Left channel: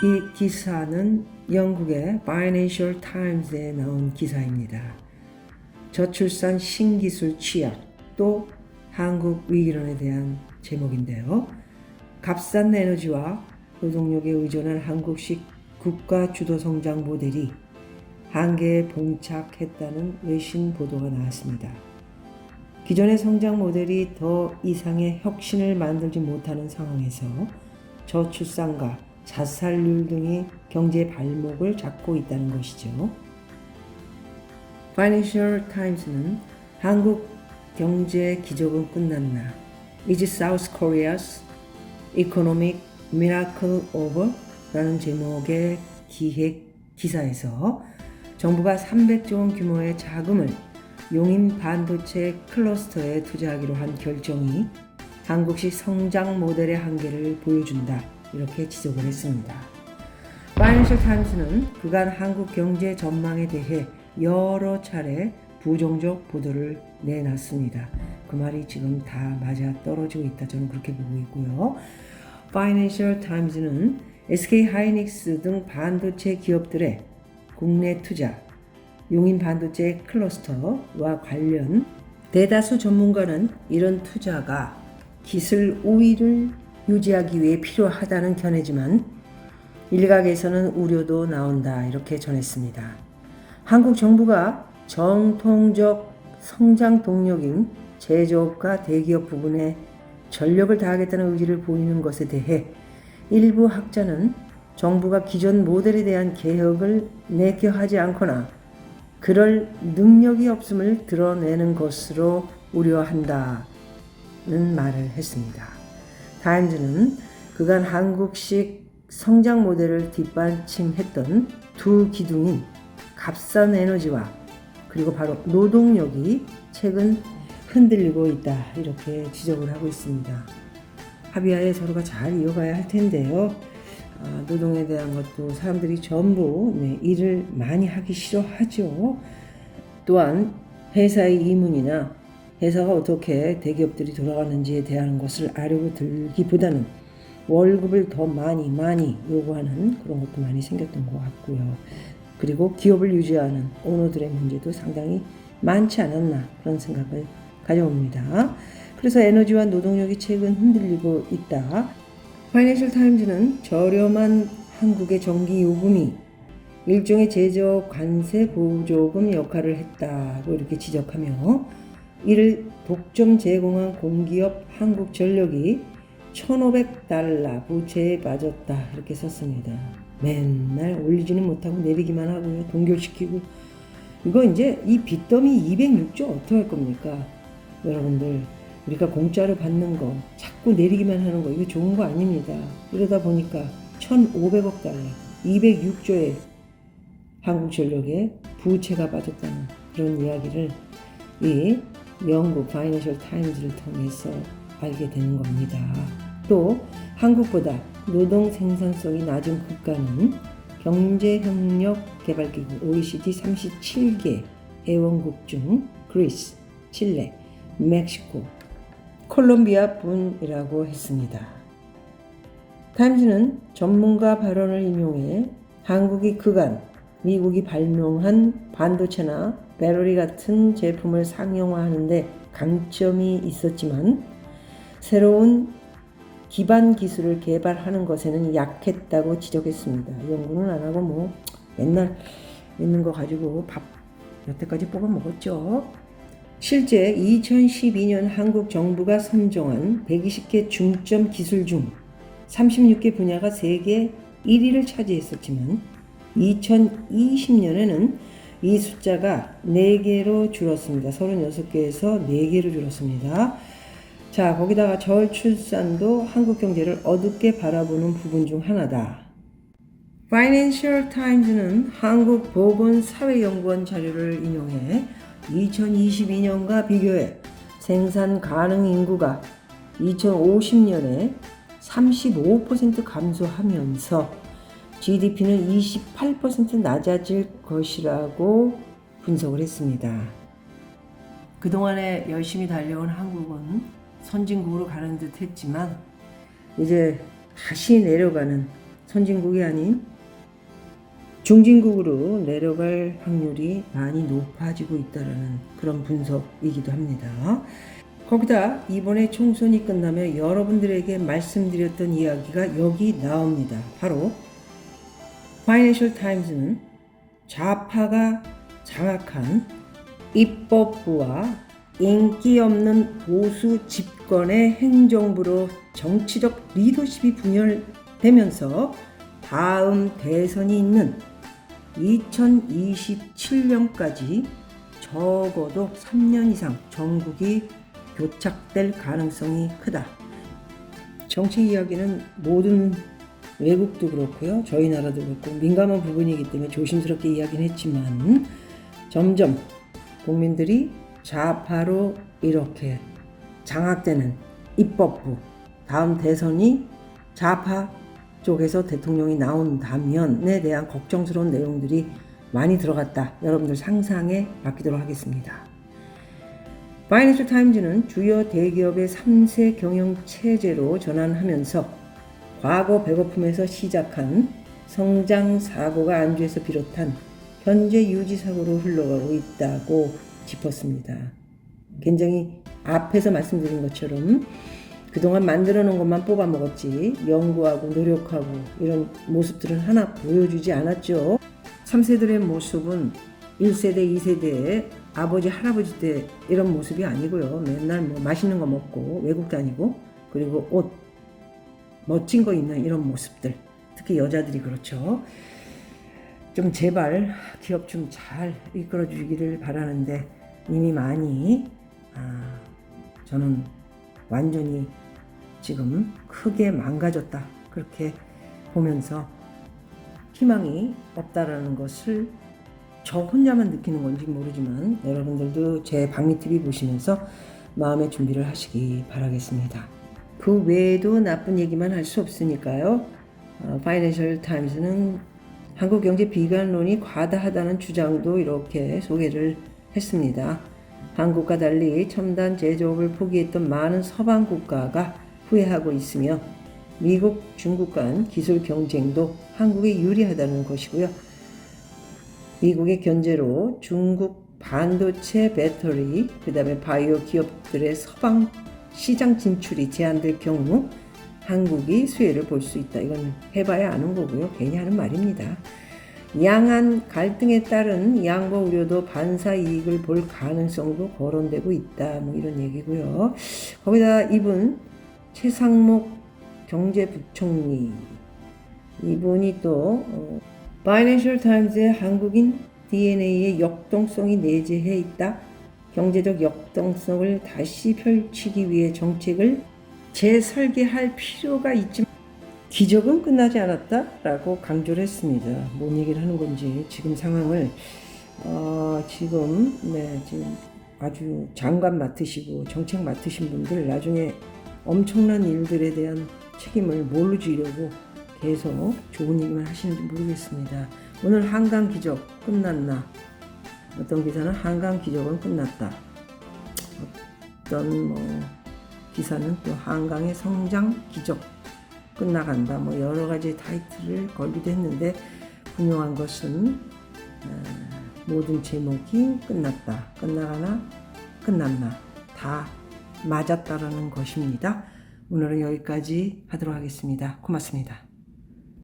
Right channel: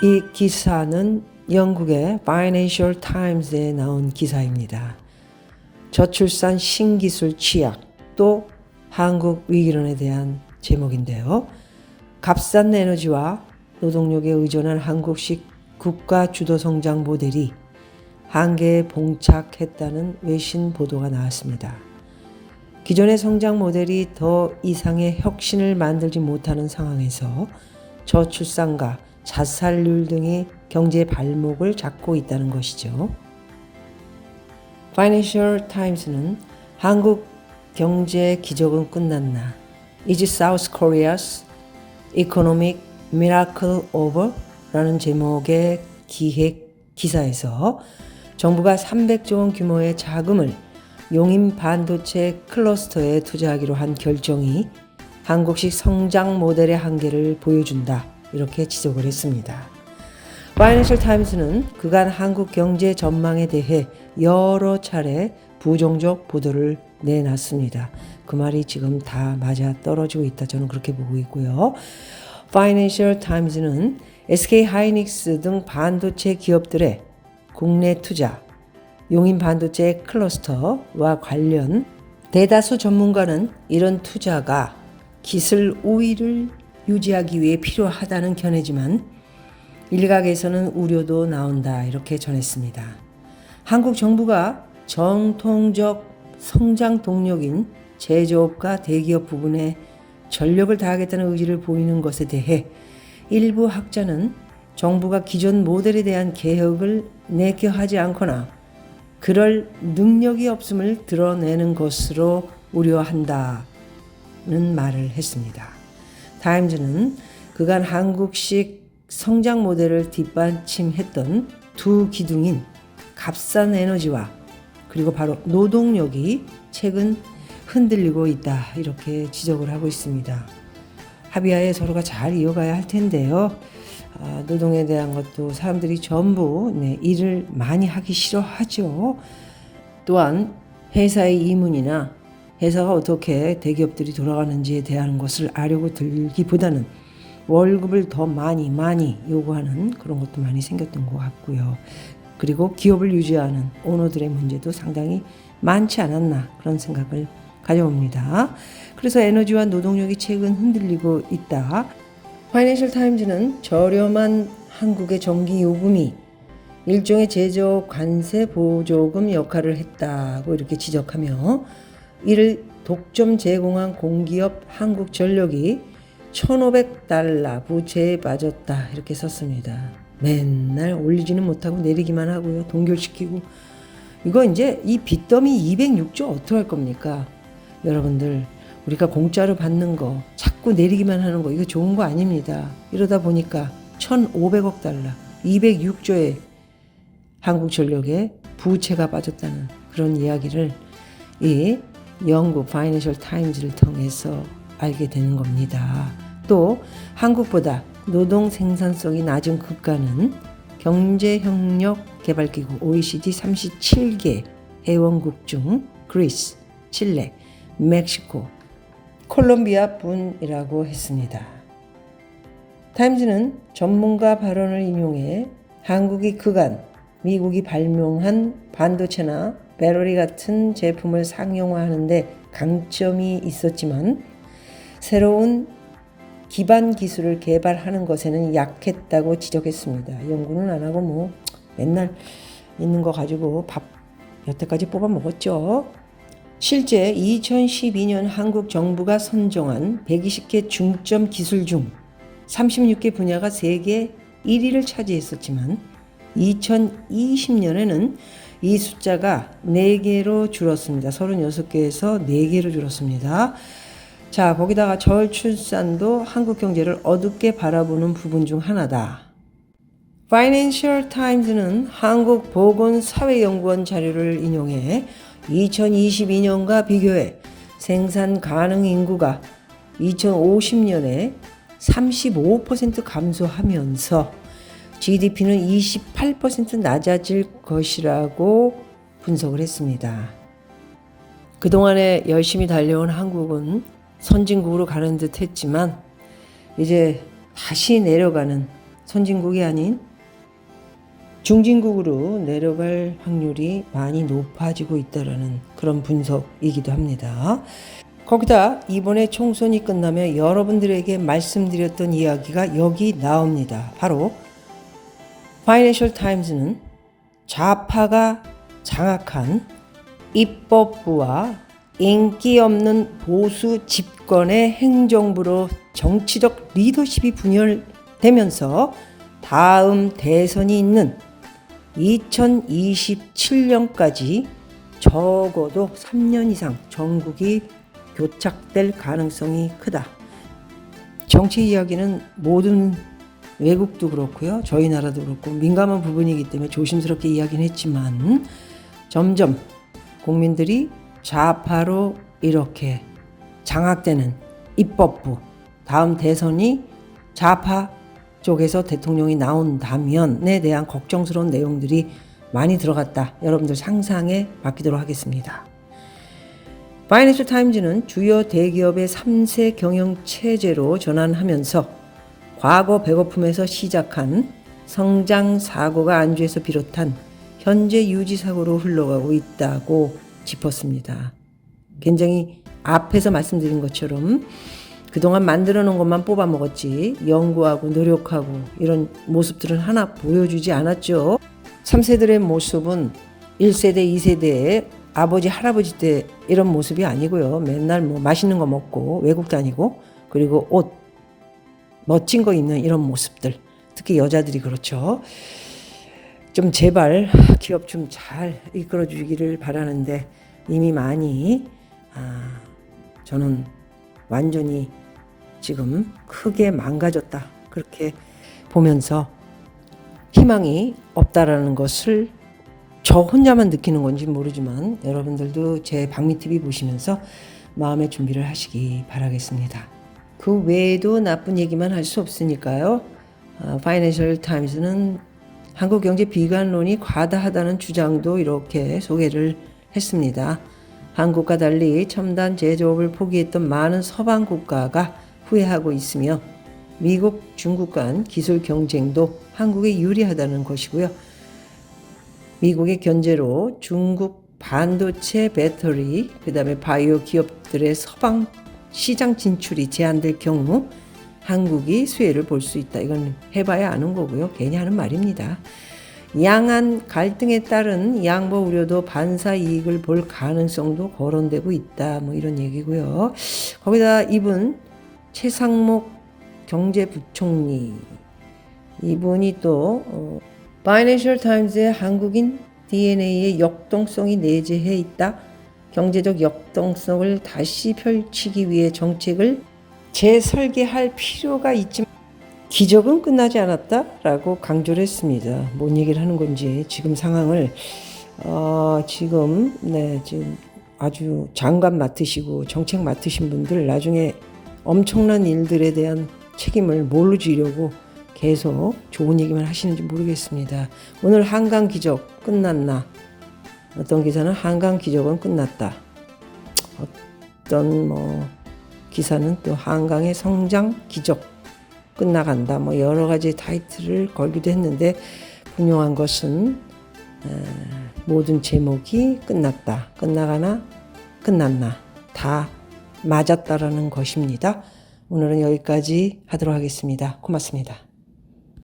이 기사는 영국의 Financial Times에 나온 기사입니다. 저출산 신기술 취약 또 한국 위기론에 대한 제목인데요. 값싼 에너지와 노동력에 의존한 한국식 국가 주도 성장 모델이 한계에 봉착했다는 외신 보도가 나왔습니다. 기존의 성장 모델이 더 이상의 혁신을 만들지 못하는 상황에서 저출산과 자살률 등이 경제 발목을 잡고 있다는 것이죠. Financial Times는 한국 경제 기적은 끝났나? Is South Korea's Economic Miracle Over? 라는 제목의 기획 기사에서 정부가 300조 원 규모의 자금을 용인 반도체 클러스터에 투자하기로 한 결정이 한국식 성장 모델의 한계를 보여준다. 이렇게 지적을 했습니다. 파이낸셜 타임스는 그간 한국 경제 전망에 대해 여러 차례 부정적 보도를 내놨습니다. 그 말이 지금 다 맞아 떨어지고 있다. 저는 그렇게 보고 있고요. 파이낸셜 타임스는 SK 하이닉스 등 반도체 기업들의 국내 투자, 용인 반도체 클러스터와 관련 대다수 전문가는 이런 투자가 기술 우위를 유지하기 위해 필요하다는 견해지만 일각에서는 우려도 나온다 이렇게 전했습니다. 한국 정부가 정통적 성장 동력인 제조업과 대기업 부분에 전력을 다하겠다는 의지를 보이는 것에 대해 일부 학자는 정부가 기존 모델에 대한 개혁을 내켜하지 않거나 그럴 능력이 없음을 드러내는 것으로 우려한다는 말을 했습니다. 타임즈는 그간 한국식 성장 모델을 뒷받침했던 두 기둥인 값싼 에너지와 그리고 바로 노동력이 최근 흔들리고 있다 이렇게 지적을 하고 있습니다. 합의하에 서로가 잘 이어가야 할 텐데요. 노동에 대한 것도 사람들이 전부 일을 많이 하기 싫어하죠. 또한 회사의 이문이나 회사가 어떻게 대기업들이 돌아가는지에 대한 것을 아려고 들기보다는 월급을 더 많이 요구하는 그런 것도 많이 생겼던 것 같고요. 그리고 기업을 유지하는 오너들의 문제도 상당히 많지 않았나 그런 생각을 가져봅니다. 그래서 에너지와 노동력이 최근 흔들리고 있다. 파이낸셜 타임즈는 저렴한 한국의 전기 요금이 일종의 제조업 관세 보조금 역할을 했다고 이렇게 지적하며 이를 독점 제공한 공기업 한국전력이 $1,500 부채에 빠졌다 이렇게 썼습니다. 맨날 올리지는 못하고 내리기만 하고요. 동결시키고 이거 이제 이 빚더미 206조 어떻게 할 겁니까? 여러분들 우리가 공짜로 받는 거 자꾸 내리기만 하는 거 이거 좋은 거 아닙니다. 이러다 보니까 1,500억 달러 206조의 한국전력에 부채가 빠졌다는 그런 이야기를 이 영국 파이낸셜 타임즈를 통해서 알게 되는 겁니다. 또 한국보다 노동 생산성이 낮은 국가는 경제협력개발기구 OECD 37개 회원국 중 그리스, 칠레, 멕시코, 콜롬비아 뿐이라고 했습니다. 타임즈는 전문가 발언을 인용해 한국이 그간 미국이 발명한 반도체나 배터리 같은 제품을 상용화하는데 강점이 있었지만 새로운 기반 기술을 개발하는 것에는 약했다고 지적했습니다. 연구는 안 하고 맨날 있는 거 가지고 밥 여태까지 뽑아 먹었죠. 실제 2012년 한국 정부가 선정한 120개 중점 기술 중 36개 분야가 세계 1위를 차지했었지만 2020년에는 이 숫자가 4개로 줄었습니다. 36개에서 4개로 줄었습니다. 자, 거기다가 저출산도 한국 경제를 어둡게 바라보는 부분 중 하나다. 파이낸셜 타임즈는 한국보건사회연구원 자료를 인용해 2022년과 비교해 생산 가능 인구가 2050년에 35% 감소하면서 GDP는 28% 낮아질 것이라고 분석을 했습니다. 그동안에 열심히 달려온 한국은 선진국으로 가는 듯 했지만 이제 다시 내려가는 선진국이 아닌 중진국으로 내려갈 확률이 많이 높아지고 있다는 그런 분석이기도 합니다. 거기다 이번에 총선이 끝나면 여러분들에게 말씀드렸던 이야기가 여기 나옵니다. 바로 파이낸셜 타임즈는 좌파가 장악한 입법부와 인기 없는 보수 집권의 행정부로 정치적 리더십이 분열되면서 다음 대선이 있는 2027년까지 적어도 3년 이상 전국이 교착될 가능성이 크다. 정치 이야기는 모든 외국도 그렇고요. 저희 나라도 그렇고 민감한 부분이기 때문에 조심스럽게 이야기는 했지만 점점 국민들이 좌파로 이렇게 장악되는 입법부, 다음 대선이 좌파 쪽에서 대통령이 나온다면에 대한 걱정스러운 내용들이 많이 들어갔다. 여러분들 상상에 맡기도록 하겠습니다. 파이낸셜 타임즈는 주요 대기업의 3세 경영체제로 전환하면서 과거 배고픔에서 시작한 성장 사고가 안주에서 비롯한 현재 유지 사고로 흘러가고 있다고 짚었습니다. 굉장히 앞에서 말씀드린 것처럼 그동안 만들어 놓은 것만 뽑아 먹었지 연구하고 노력하고 이런 모습들은 하나 보여주지 않았죠. 3세들의 모습은 1세대, 2세대의 아버지, 할아버지 때 이런 모습이 아니고요. 맨날 뭐 맛있는 거 먹고 외국 다니고 그리고 옷 멋진 거 입는 이런 모습들. 특히 여자들이 그렇죠. 좀 제발 기업 좀 잘 이끌어 주기를 바라는데 이미 많이 저는 완전히 지금 크게 망가졌다. 그렇게 보면서 희망이 없다라는 것을 저 혼자만 느끼는 건지 모르지만 여러분들도 제 박미TV 보시면서 마음의 준비를 하시기 바라겠습니다. 그 외에도 나쁜 얘기만 할 수 없으니까요. 파이낸셜 타임즈는 한국 경제 비관론이 과다하다는 주장도 이렇게 소개를 했습니다. 한국과 달리 첨단 제조업을 포기했던 많은 서방 국가가 후회하고 있으며 미국, 중국 간 기술 경쟁도 한국에 유리하다는 것이고요. 미국의 견제로 중국 반도체, 배터리, 그다음에 바이오 기업들의 서방 시장 진출이 제한될 경우 한국이 수혜를 볼 수 있다. 이건 해봐야 아는 거고요. 괜히 하는 말입니다. 양안 갈등에 따른 양보 우려도 반사 이익을 볼 가능성도 거론되고 있다. 뭐 이런 얘기고요. 거기다 이분 최상목 경제부총리 이분이 또 파이낸셜 타임즈의 한국인 DNA의 역동성이 내재해 있다. 경제적 역동성을 다시 펼치기 위해 정책을 재설계할 필요가 있지만 기적은 끝나지 않았다라고 강조를 했습니다. 뭔 얘기를 하는 건지 지금 상황을 지금 아주 장관 맡으시고 정책 맡으신 분들 나중에 엄청난 일들에 대한 책임을 뭘로 지려고 계속 좋은 얘기만 하시는지 모르겠습니다. 오늘 한강 기적 끝났나? 어떤 기사는 한강 기적은 끝났다. 어떤 기사는 또 한강의 성장 기적 끝나간다. 여러 가지 타이틀을 걸기도 했는데 분명한 것은 모든 제목이 끝났다. 끝나가나 끝났나 다 맞았다라는 것입니다. 오늘은 여기까지 하도록 하겠습니다. 고맙습니다.